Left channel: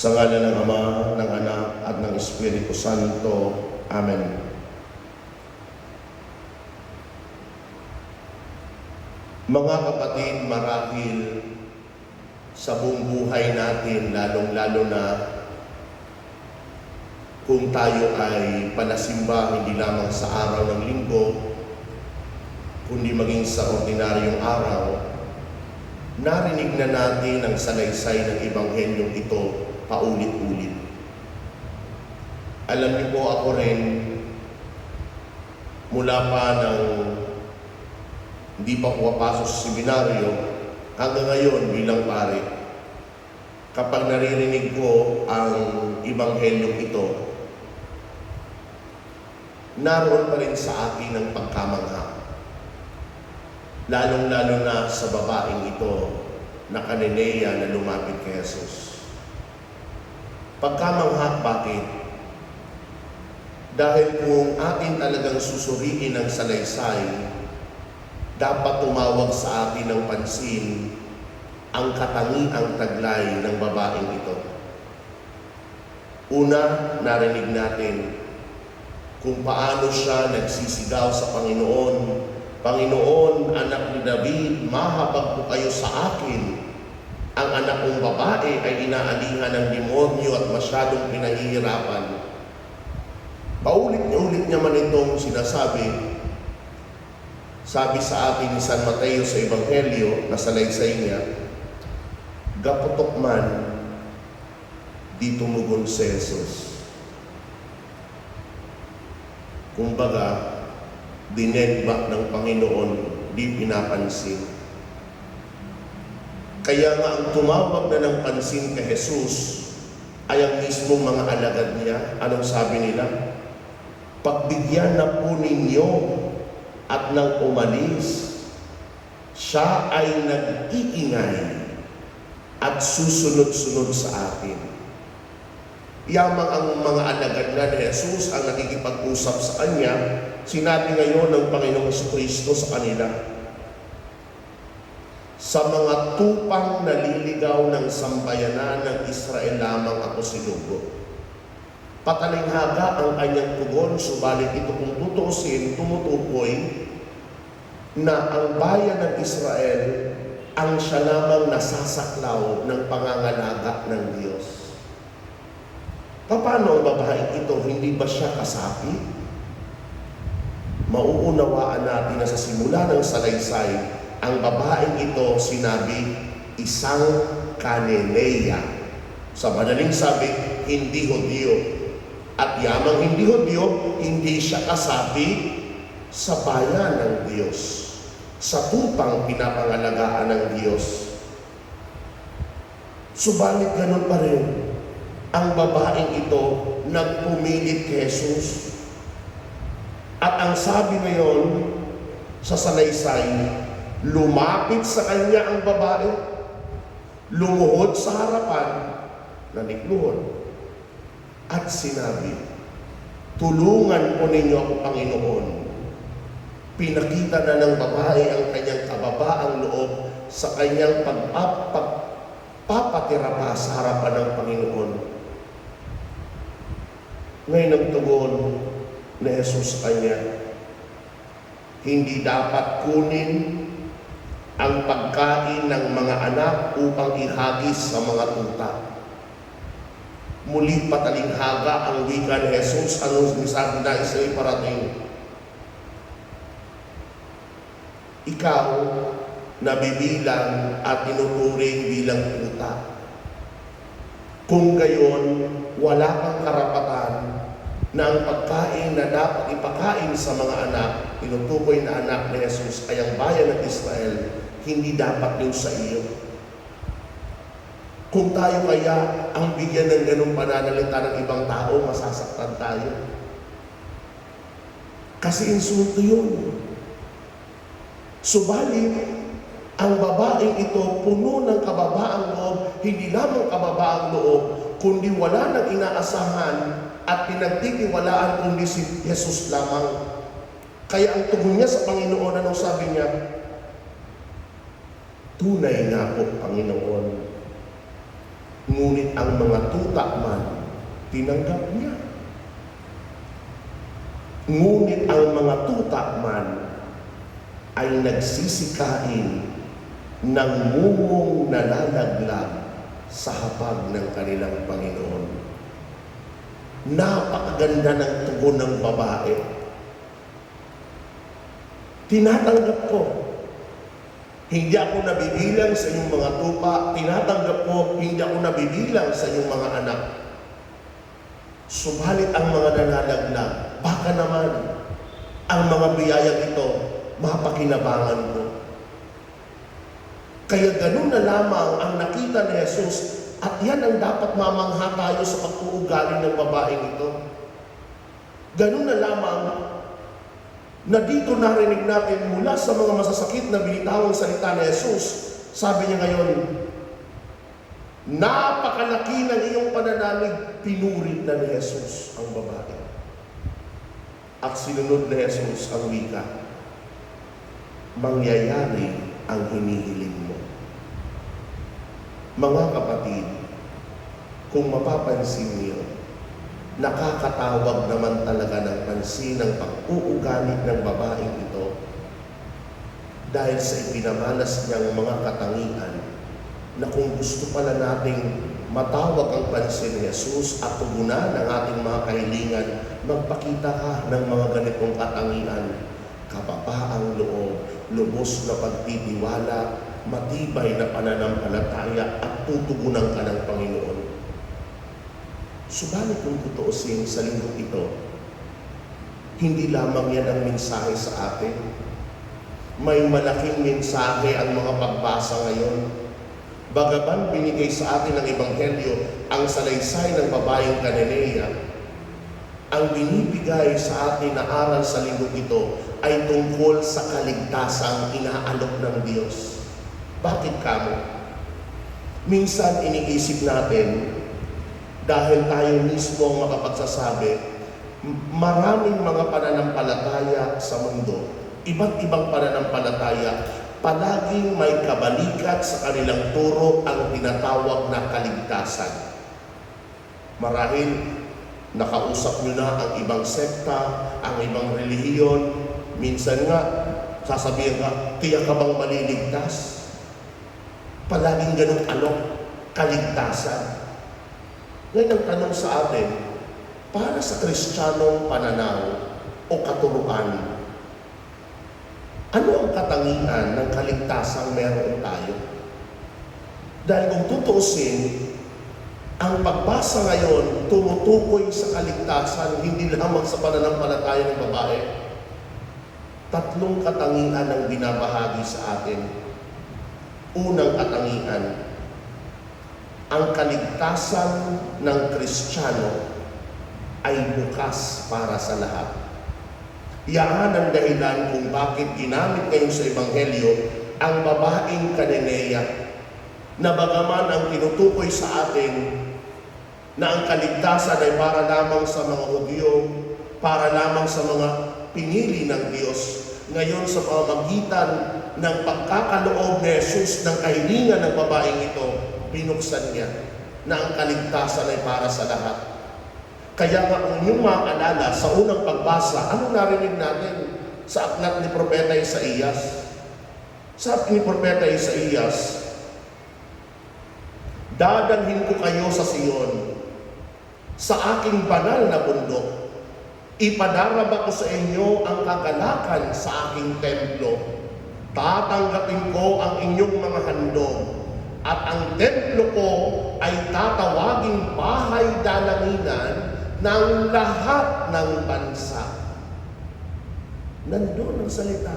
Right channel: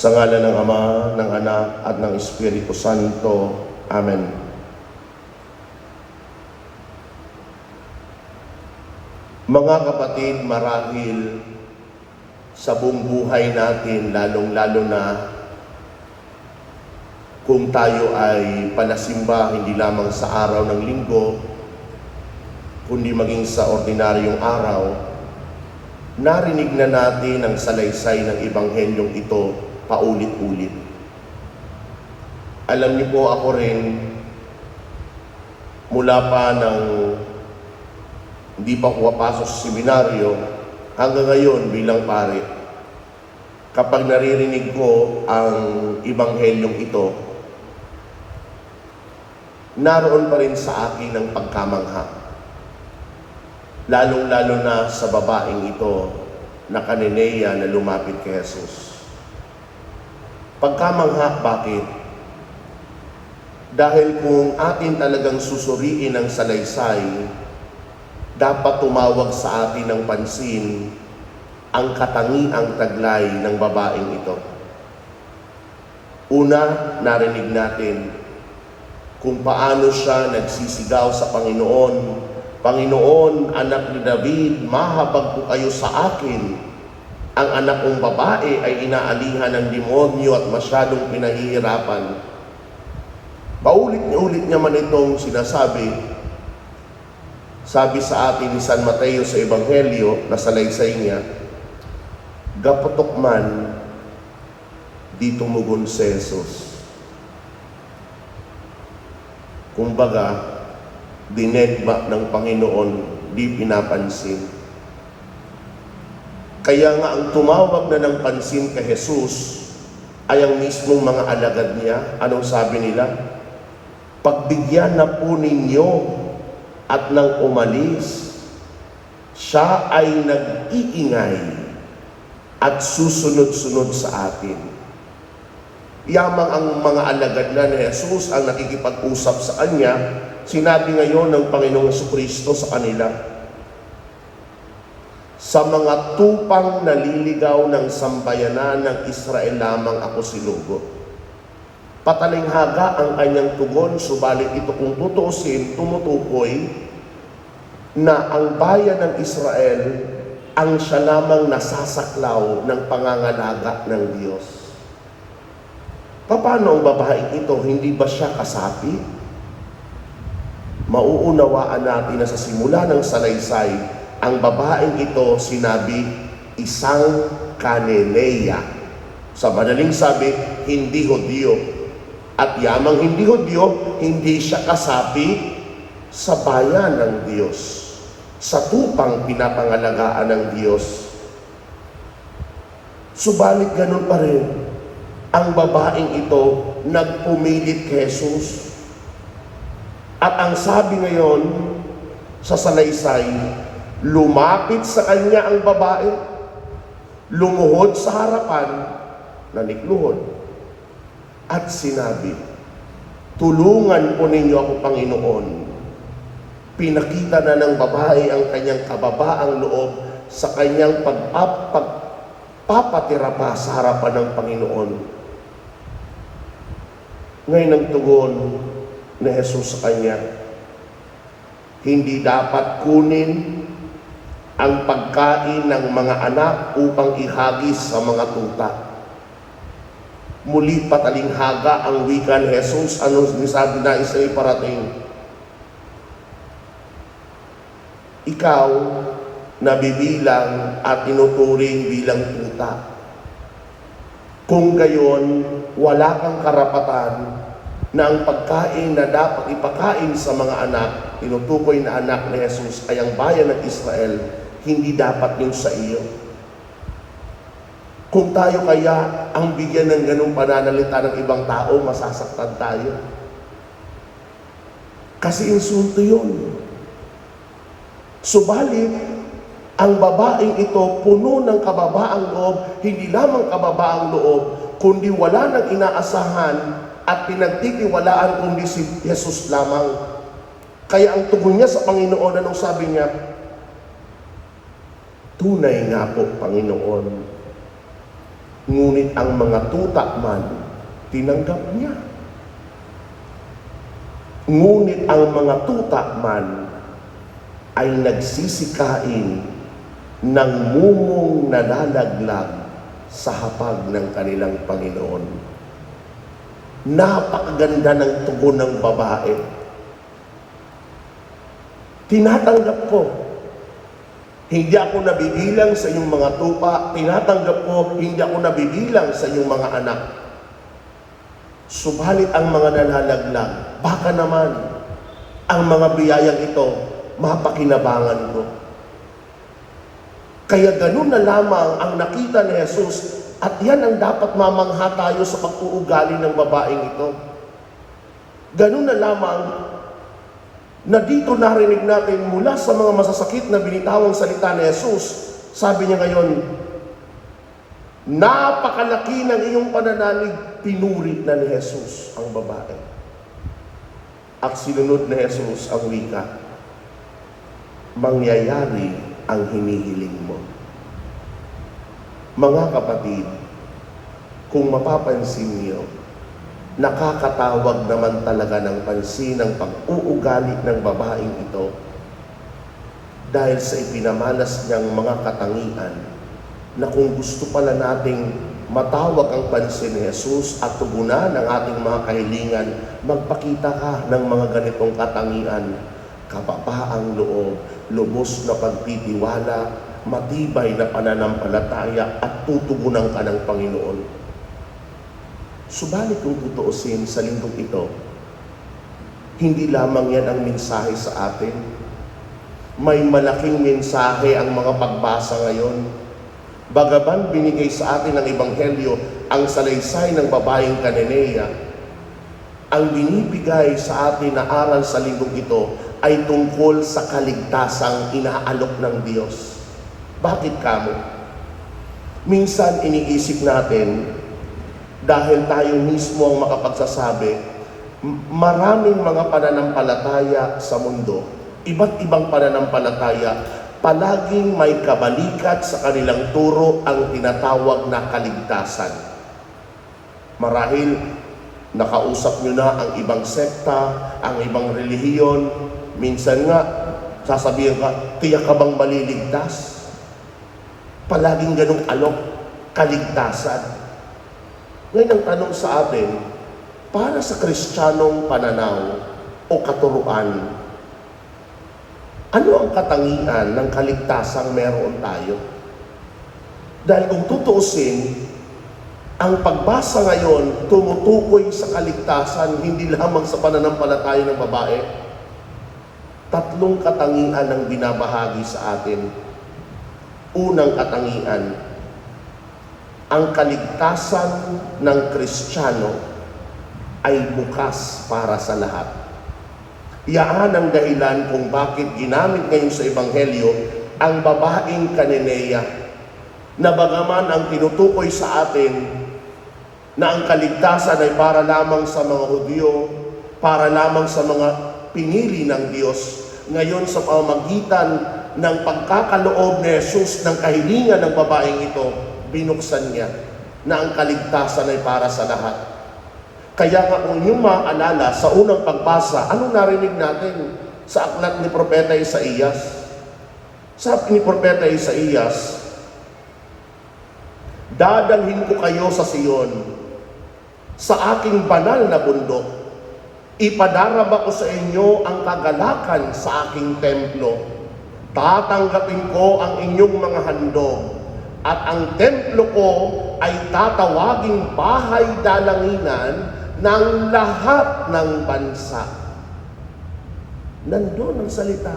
Sa ngalan ng Ama, ng Anak, at ng Espiritu Santo. Amen. Mga kapatid, marahil sa buong buhay natin, lalong-lalo na kung tayo ay panasimba hindi lamang sa araw ng linggo, kundi maging sa ordinaryong araw, narinig na natin ang salaysay ng Ebanghelyong ito paulit-ulit. Alam niyo po, ako rin, mula pa ng hindi pa ako papasok sa seminaryo, hanggang ngayon bilang pare, kapag naririnig ko ang Ebanghelyong ito, naroon pa rin sa akin ang pagkamangha. Lalong-lalo na sa babaeng ito na Cananea na lumapit kay Jesus. Pagkamangha, bakit? Dahil kung atin talagang susuriin ang salaysay, dapat tumawag sa atin ng pansin ang katangiang taglay ng babaeng ito. Una, narinig natin kung paano siya nagsisigaw sa Panginoon. Panginoon, anak ni David, mahabag po kayo sa akin. Ang anak kong babae ay inaalihan ng demonyo at masyadong pinahihirapan. Paulit-ulit niya man itong sinasabi. Sabi sa atin ni San Mateo sa Ebanghelyo, na salaysay niya, gapatok man, di tumugon si Jesus. Kumbaga, dinedbak ng Panginoon, di pinapansin. Kaya nga ang tumawag na ng pansin kay Jesus ay ang mismong mga alagad niya. Anong sabi nila? Pagbigyan na po ninyo at nang umalis, siya ay nag-iingay at susunod-sunod sa atin. Yamang ang mga alagad na ni Jesus ang nakikipag-usap sa kanya, sinabi ngayon ng Panginoong Jesucristo sa kanila, sa mga tupang naliligaw ng sambayanan ng Israel lamang ako sinugo. Patalinghaga ang kanyang tugon, subalit ito kung tutuusin, tumutukoy na ang bayan ng Israel ang siya lamang nasasaklaw ng pangangalaga ng Diyos. Paano ang babaeng ito? Hindi ba siya kasapi? Mauunawaan natin na sa simula ng salaysay, ang babaeng ito sinabi, isang Cananea. Sa madaling sabi, hindi Hudyo. At yamang hindi Hudyo, hindi siya kasapi sa bayan ng Diyos, sa tupang pinapangalagaan ng Diyos. Subalit ganun pa rin, ang babaeng ito nagpumilit kay Jesus. At ang sabi ngayon sa salaysay, lumapit sa kanya ang babae, lumuhod sa harapan, nanikluhod, at sinabi, tulungan po ninyo ako, Panginoon. Pinakita na ng babae ang kanyang kababaang loob sa kanyang pagpapatira pa sa harapan ng Panginoon. Ngayon ang tugon ni Jesus sa kanya, hindi dapat kunin ang pagkain ng mga anak upang ihagis sa mga tuta. Muli patalinghaga ang wika ni Jesus. Anong sinasabi na isa parating? Ikaw, nabibilang at tinuturing bilang tuta. Kung gayon, wala kang karapatan na ang pagkain na dapat ipakain sa mga anak, tinutukoy na anak ni Jesus ay ang bayan ng Israel, hindi dapat yun sa iyo. Kung tayo kaya ang bigyan ng ganung pananalita ng ibang tao, masasaktan tayo. Kasi insulto yun. Subalit, ang babaeng ito puno ng kababaang loob, hindi lamang kababaang loob, kundi wala nang inaasahan at pinagtitiwalaan kundi si Jesus lamang. Kaya ang tugon niya sa Panginoon, anong sabi niya? Tunay nga po, Panginoon, Ngunit ang mga tuta man, tinanggap niya. Ngunit ang mga tuta man ay nagsisikain ng mumong nalalaglag sa hapag ng kanilang Panginoon. Napakaganda ng tugon ng babae. Tinatanggap ko. Hindi ako nabibilang sa iyong mga tupa. Tinatanggap ko, hindi ako nabibilang sa iyong mga anak. Subalit ang mga nalalaglag, baka naman ang mga biyayang ito mapakinabangan ko. Kaya ganun na lamang ang nakita ni Jesus, at yan ang dapat mamangha tayo sa pag-uugali ng babaeng ito. Ganun na lamang na dito narinig natin mula sa mga masasakit na binitawang salita ni Jesus. Sabi niya ngayon, napakalaki ng iyong pananalig, pinuri na ni Jesus ang babae. At sinunod ni Jesus ang wika, mangyayari ang hinihiling mo. Mga kapatid, kung mapapansin niyo, nakakatawag naman talaga ng pansin ang pag-uugali ng babaeng ito dahil sa ipinamalas niyang mga katangian na kung gusto pala nating matawag ang pansin ni Jesus at tugunan ng ating mga kahilingan, magpakita ka ng mga ganitong katangian: kapapaang loob, lubos na pagtitiwala, matibay na pananampalataya, at tutugunan ka ng Panginoon. Subalit kung tutuusin sa linggong ito, hindi lamang yan ang mensahe sa atin. May malaking mensahe ang mga pagbasa ngayon. Bagaman binigay sa atin ng Ebanghelyo ang salaysay ng babaeng Cananea, ang binibigay sa atin na aral sa linggong ito ay tungkol sa kaligtasang inaalok ng Diyos. Bakit kamo? Minsan iniisip natin, dahil tayo mismo ang makapagsasabi, maraming mga pananampalataya sa mundo, iba't ibang pananampalataya, palaging may kabalikat sa kanilang turo ang tinatawag na kaligtasan. Marahil nakausap nyo na ang ibang sekta, ang ibang relihiyon. Minsan nga, sasabihin ka, tiyak ka bang maliligtas? Palaging ganong alok, kaligtasan. Ngayon ang tanong sa atin, para sa Kristiyanong pananaw o katuruan, ano ang katangian ng kaligtasang meron tayo? Dahil kung tutuusin, ang pagbasa ngayon tumutukoy sa kaligtasan, hindi lamang sa pananampalataya ng babae. Tatlong katangian ang binabahagi sa atin. Unang katangian, ang kaligtasan ng Kristiyano ay bukas para sa lahat. Iyan ang dahilan kung bakit ginamit ngayon sa Ebanghelyo ang babaeng Cananea, na bagaman ang tinutukoy sa atin na ang kaligtasan ay para lamang sa mga Hudyo, para lamang sa mga pinili ng Diyos, ngayon sa pamamagitan ng pagkakaloob ni Jesus ng kahilingan ng babaeng ito, binuksan niya na ang kaligtasan ay para sa lahat. Kaya nga kung inyong maaalala sa unang pagbasa, anong narinig natin sa aklat ni Propeta Isaías? Sabi ni Propeta Isaías, dadalhin ko kayo sa Sion, sa aking banal na bundok. Ipadarama ko sa inyo ang kagalakan sa aking templo. Tatanggapin ko ang inyong mga handog, at ang templo ko ay tatawaging bahay dalanginan ng lahat ng bansa. Nandun ang salita.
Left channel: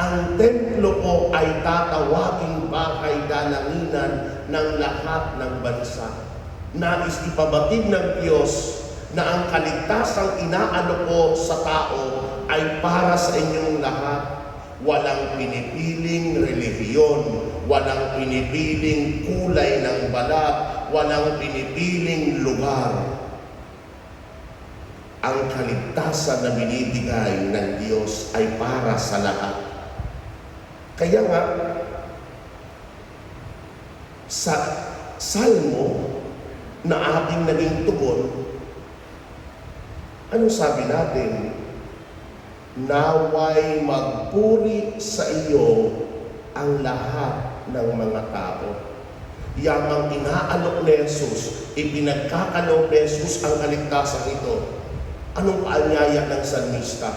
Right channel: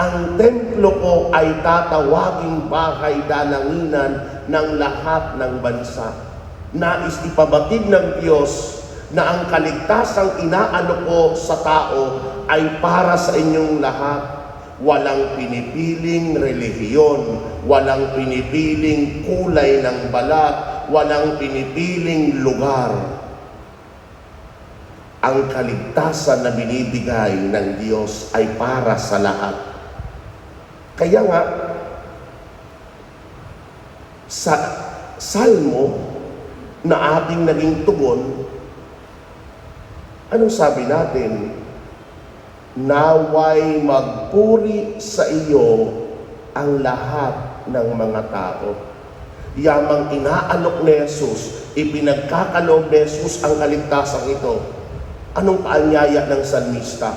Ang templo ko ay tatawaging bahay dalanginan ng lahat ng bansa. Nais ipabatid ng Diyos na ang kaligtasang inaalok ko sa tao ay para sa inyong lahat. Walang pinipiling relihiyon, walang pinipiling kulay ng balat, walang pinipiling lugar. Ang kaligtasan na binibigay ng Diyos ay para sa lahat. Kaya nga, salmo na ating naging tugon, anong sabi natin? Naway magpuri sa iyo ang lahat ng mga tao. Yamang inaalok ni Jesus, ipinagkakaloob ni Jesus ang kaligtasan ito. Anong paanyaya ng salmista?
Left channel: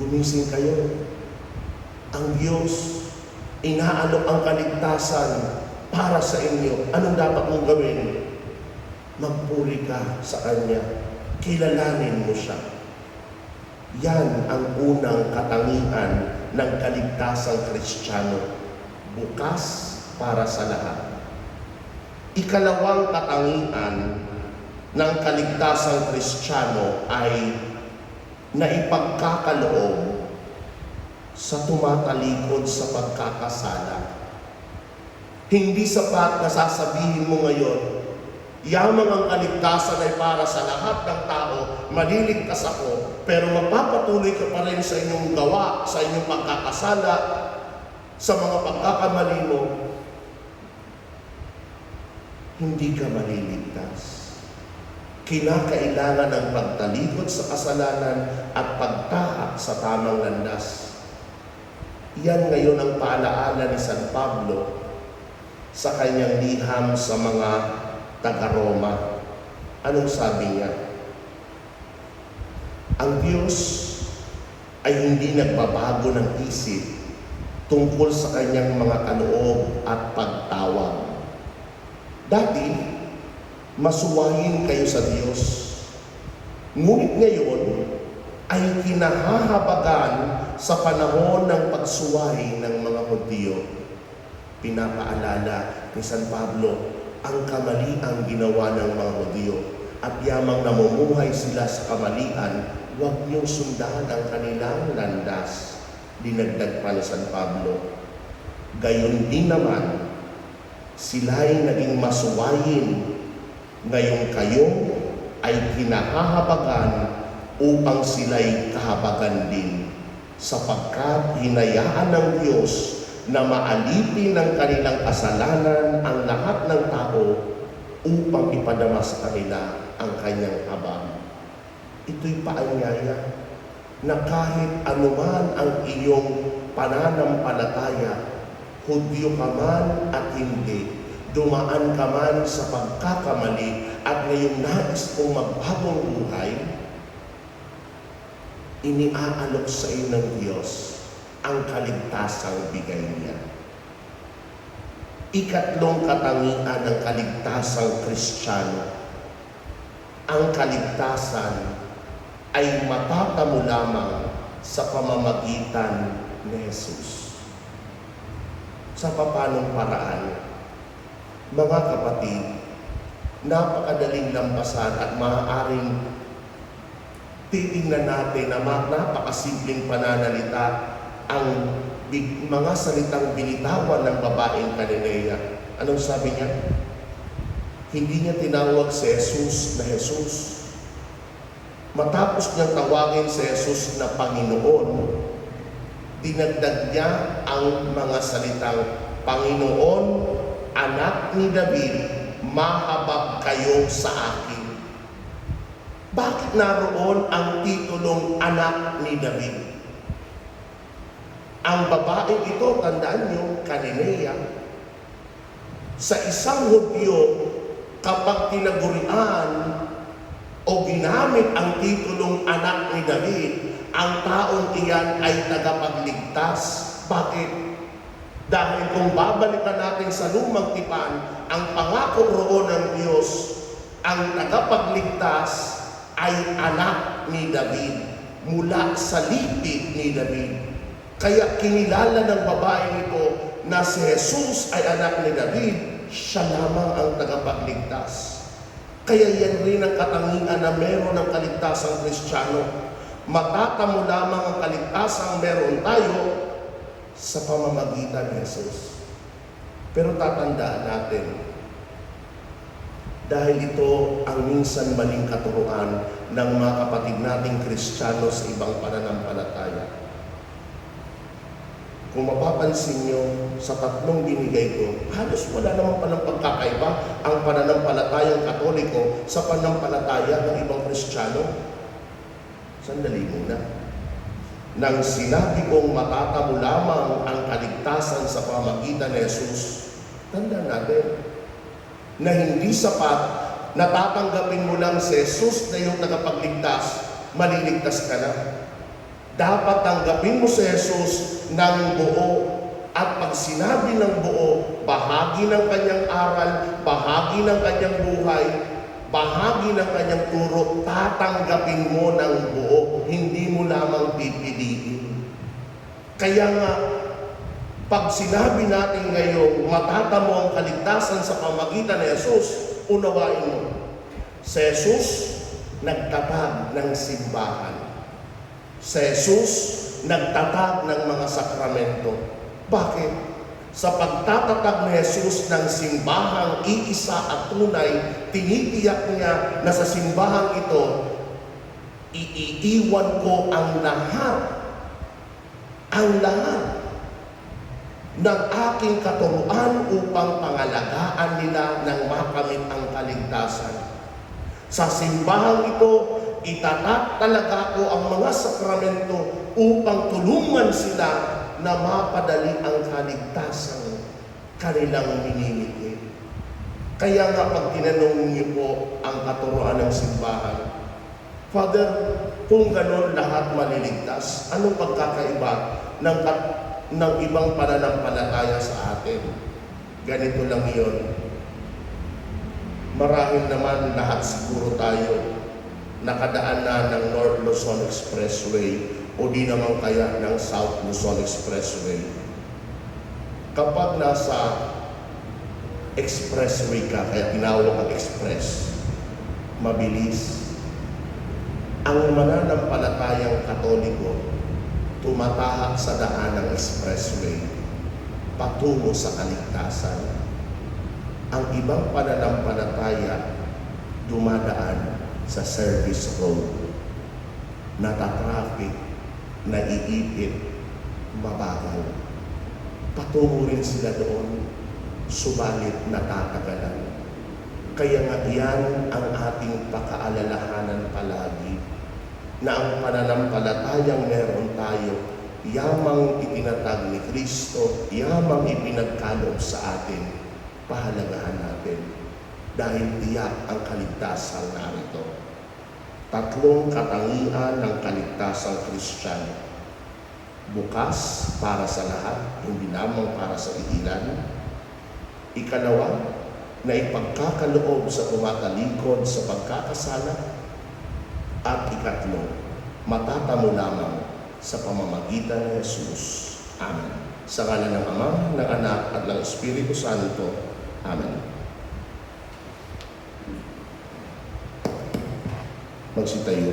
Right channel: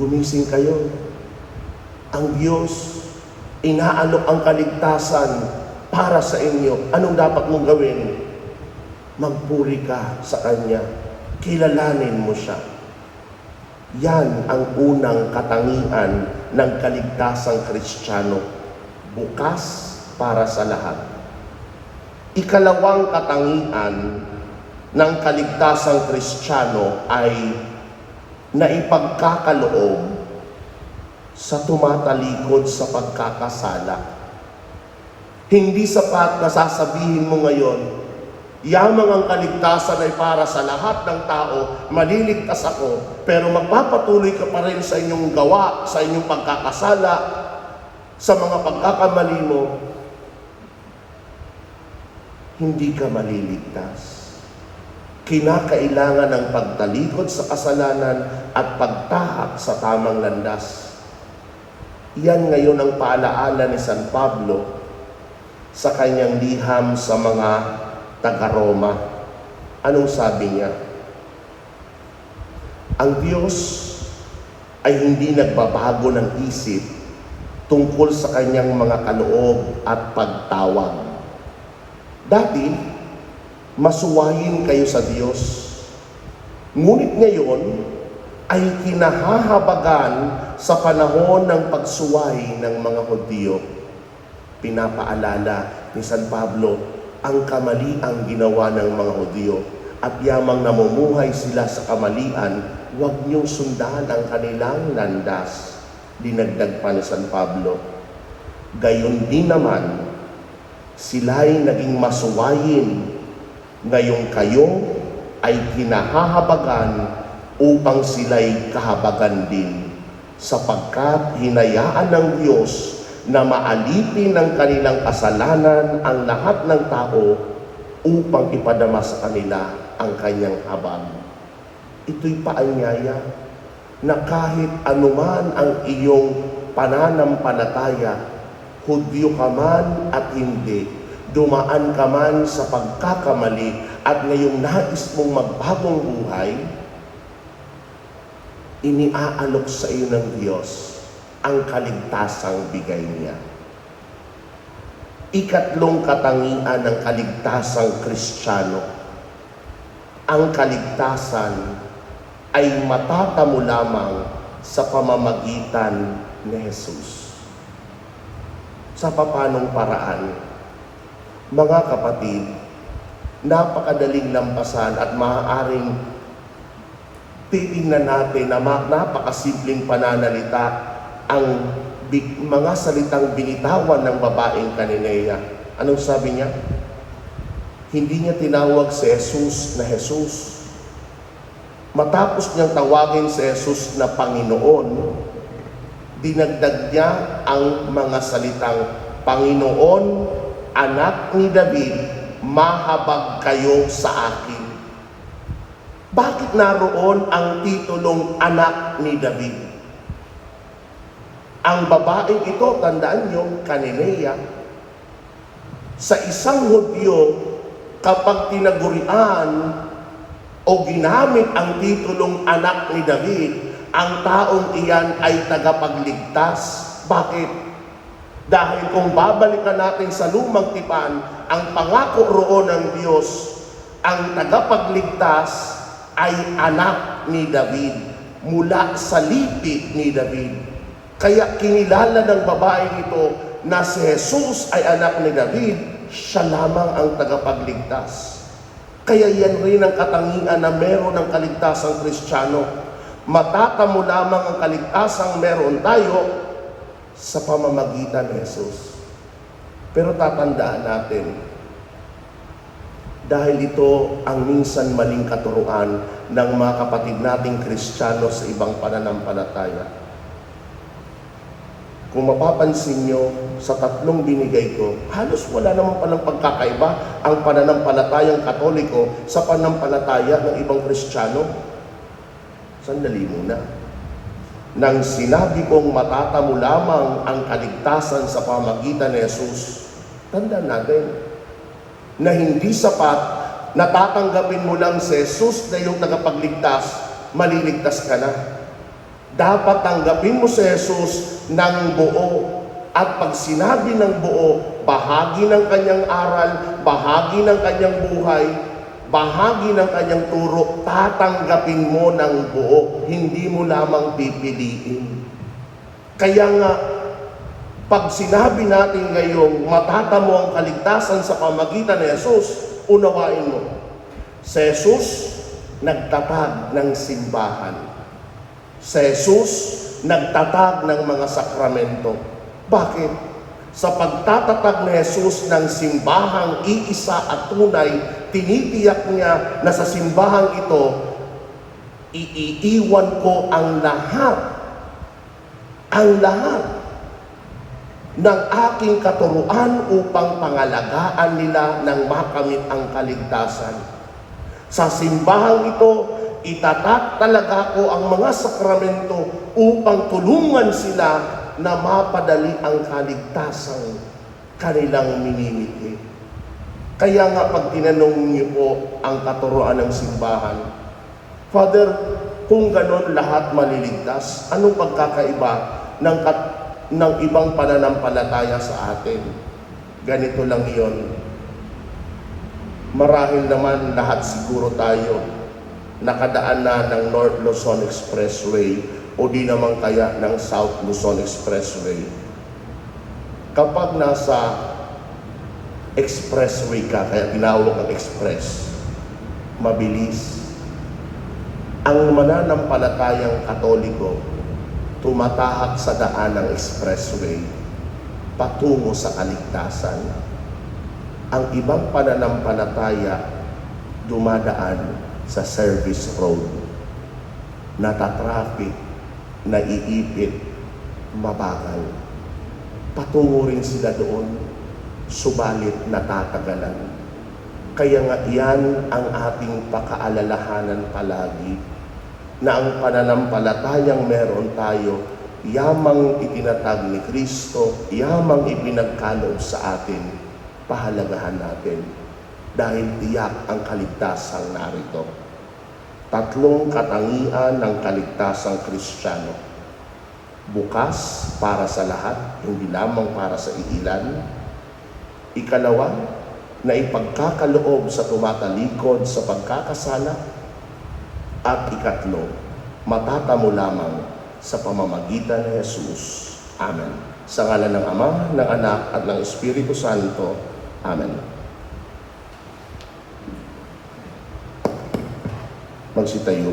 Gumising kayo. Ang Diyos, inaalok ang kaligtasan para sa inyo. Anong dapat mong gawin? Magpuri ka sa Kanya. Kilalanin mo siya. Yan ang unang katangian ng kaligtasang Kristiyano. Bukas para sa lahat. Ikalawang katangian ng kaligtasang Kristiyano ay naipagkakaloob sa tumatalikod sa pagkakasala. Hindi sapat na sasabihin mo ngayon, yamang ang kaligtasan ay para sa lahat ng tao, maliligtas ako, pero magpapatuloy ka pa rin sa inyong gawa, sa inyong pagkakasala, sa mga pagkakamali mo, hindi ka maliligtas. Kinakailangan ng pagtalikod sa kasalanan at pagtahak sa tamang landas. Yan ngayon ang paalaala ni San Pablo sa kanyang liham sa mga taga-Roma. Anong sabi niya? Ang Diyos ay hindi nagbabago ng isip tungkol sa kanyang mga kaloob at pagtawag. Dati, masuwayin kayo sa Diyos. Ngunit ngayon ay kinahahabagan sa panahon ng pagsuway ng mga Hudyo. Pinapaalala ni San Pablo ang kamali ang ginawa ng mga Hudyo at yamang namumuhay sila sa kamalian, huwag niyong sundahan ang kanilang landas. Dinagdag pa ni San Pablo, gayon din naman, sila'y naging masuwayin, ngayong kayo ay kinahahabagan upang sila'y kahabagan din, sapagkat hinayaan ng Diyos na maalipin ng kanilang kasalanan ang lahat ng tao upang ipadama sa kanila ang kanyang habag. Ito'y paanyaya na kahit anuman ang iyong pananampalataya, Hudyo ka man at hindi, dumaan ka man sa pagkakamali at ngayong nais mong magbagong buhay, iniaalok sa iyo ng Diyos ang kaligtasang bigay niya. Ikatlong katangian ng kaligtasang Kristiyano. Ang kaligtasan ay matatamo lamang sa pamamagitan ni Jesus. Sa papanong paraan? Mga kapatid, napakadaling lampasan at maaaring titingnan natin na napakasimpleng pananalita ang mga salitang binitawan ng babaeng Cananea. Anong sabi niya? Hindi niya tinawag si Jesus na Jesus. Matapos niyang tawagin si Jesus na Panginoon, dinagdag niya ang mga salitang, Panginoon, anak ni David, mahabag kayo sa akin. Bakit naroon ang titulong anak ni David? Ang babaeng ito, tandaan niyo, Cananea, sa isang Hudyo, kapag tinagurian o ginamit ang titulong anak ni David, ang taong iyan ay tagapagligtas. Bakit? Dahil kung babalikan natin sa lumang tipan, ang pangako roon ng Diyos, ang tagapagligtas ay anak ni David, mula sa lipid ni David. Kaya kinilala ng babaeng ito na si Jesus ay anak ni David, siya lamang ang tagapagligtas. Kaya yan rin ang katangian na meron ng kaligtasang Kristiyano. Matatamo lamang ang kaligtasang meron tayo sa pamamagitan ni Jesus. Pero tatandaan natin, dahil ito ang minsan maling katuruan ng mga kapatid nating Kristiyano sa ibang pananampalataya. Kung mapapansin nyo, sa tatlong binigay ko, halos wala naman palang pagkakaiba ang pananampalatayang Katoliko sa pananampalataya ng ibang Kristiyano. Sandali muna. Nang sinabi kong matatamo lamang ang kaligtasan sa pamagitan ni Jesus, tandaan natin na hindi sapat na tatanggapin mo lang si Jesus na yung tagapagligtas, maliligtas ka na. Dapat tanggapin mo si Jesus ng buo. At pag sinabi ng buo, bahagi ng kanyang aral, bahagi ng kanyang buhay, bahagi ng kanyang turo, tatanggapin mo ng buo. Hindi mo lamang pipiliin. Kaya nga, pag sinabi natin ngayong matatamo ang kaligtasan sa pamagitan ni Jesus, unawain mo. Si Jesus, nagtatag ng simbahan. Si Jesus, nagtatag ng mga sakramento. Bakit? Sa pagtatatag ni Jesus ng simbahang iisa at tunay, tinitiyak niya na sa simbahang ito, iiiwan ko ang lahat ng aking katuruan upang pangalagaan nila nang makamit ang kaligtasan. Sa simbahang ito, itatak talaga ko ang mga sakramento upang tulungan sila na mapadali ang kaligtasan kanilang minimiti. Kaya nga pag tinanong niyo po ang katuruan ng simbahan, Father, kung ganon lahat maliligtas, anong pagkakaiba ng ibang pananampalataya sa atin? Ganito lang iyon. Marahil naman lahat siguro tayo nakadaan na ng North Luzon Expressway o di naman kaya ng South Luzon Expressway. Kapag nasa expressway ka, kaya tinawag ng express, mabilis. Ang mananampalatayang Katoliko, tumatahak sa daan ng expressway, patungo sa kaligtasan. Ang ibang pananampalataya, dumadaan sa service road, natatraffic, naiipit, mabagal. Patungo rin sila doon, subalit natatagalan. Kaya nga yan ang ating pakaalalahanan palagi, na ang pananampalatayang meron tayo, yamang itinatag ni Kristo, yamang ipinagkaloob sa atin, pahalagahan natin. Dahil tiyak ang kaligtasan narito. Tatlong katangian ng kaligtasang Kristiyano. Bukas para sa lahat, hindi lamang para sa iilan. Ikalawa, na ipagkakaloob sa tumatalikod sa pagkakasala. At ikatlo, matatamo lamang sa pamamagitan ni Jesus. Amen. Sa ngalan ng Ama, ng Anak, at ng Espiritu Santo. Amen. Magsitayo.